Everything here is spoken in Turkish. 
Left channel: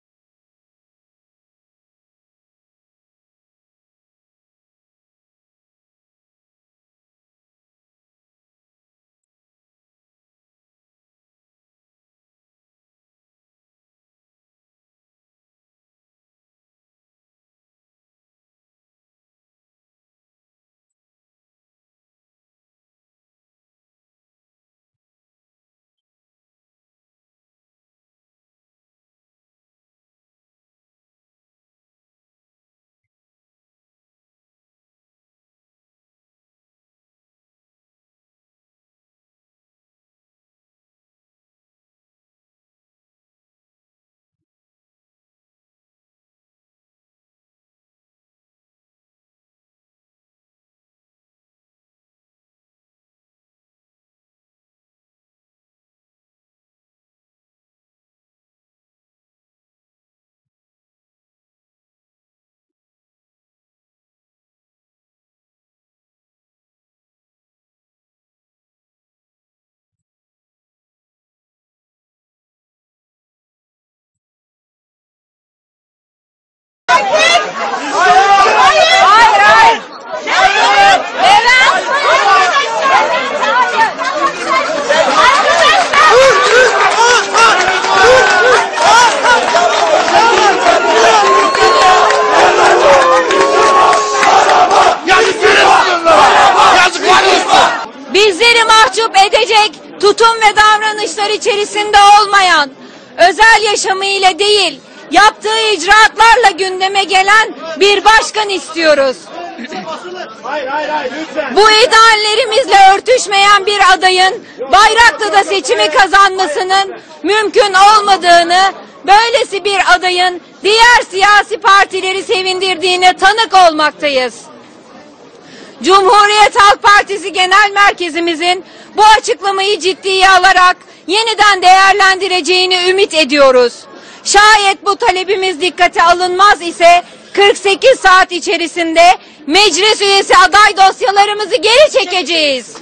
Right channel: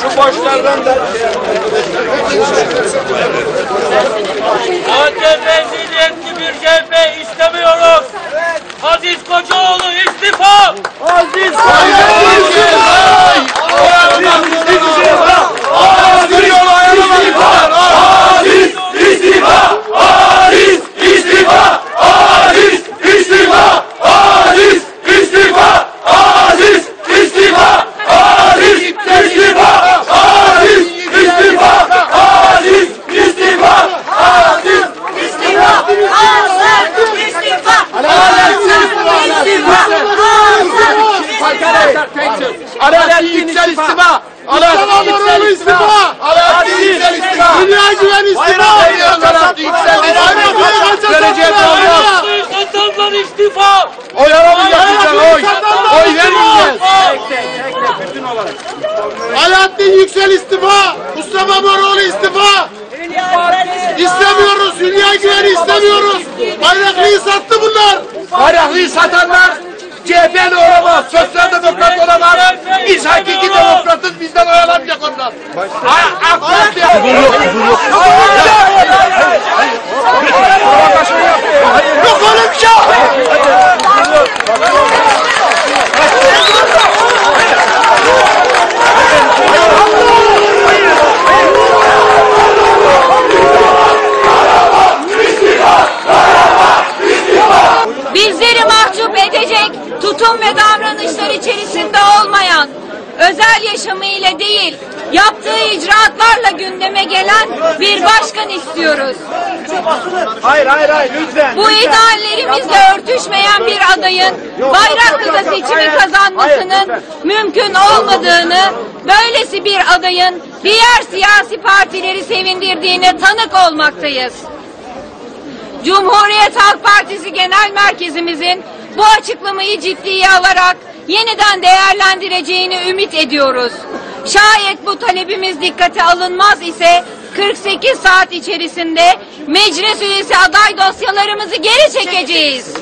Şu başlardan da AKP Yüksel istifa. Alaaddin Yüksel istifa. Alaaddin Yüksel istifa. Dünya güven istifa. Alaaddin Yüksel istifa. Geleceğe olmaz. Satanlar istifa. Oy alamayacaksın oy. Oy vermeyeceğiz. Alaaddin Yüksel istifa. Mustafa Moroğlu istifa. İstemiyoruz. Hülya Güven'i istemiyoruz. Bayraklı'yı sattı bunlar. Bayraklı'yı satanlar CHP'li olamaz. Sosyal demokrat olamaz. Biz demokratız. Bizden oyalamayacak onlar. Bizleri mahcup edecek tutum ve davranışlar içerisinde olmayan, özel yaşamıyla değil, yaptığı icraatlarla gündeme gelen bir başkan istiyoruz. Hayır hayır hayır lütfen. Bu ideallerimizle örtüşmeyen bir adayın Bayraklı'da seçimi kazanmasının mümkün olmadığını, böylesi bir adayın diğer siyasi partileri sevindirdiğine tanık olmaktayız. Cumhuriyet Halk Partisi Genel Merkezimizin bu açıklamayı ciddiye alarak yeniden değerlendireceğini ümit ediyoruz. Şayet bu talebimiz dikkate alınmaz ise 48 saat içerisinde meclis üyesi aday dosyalarımızı geri çekeceğiz.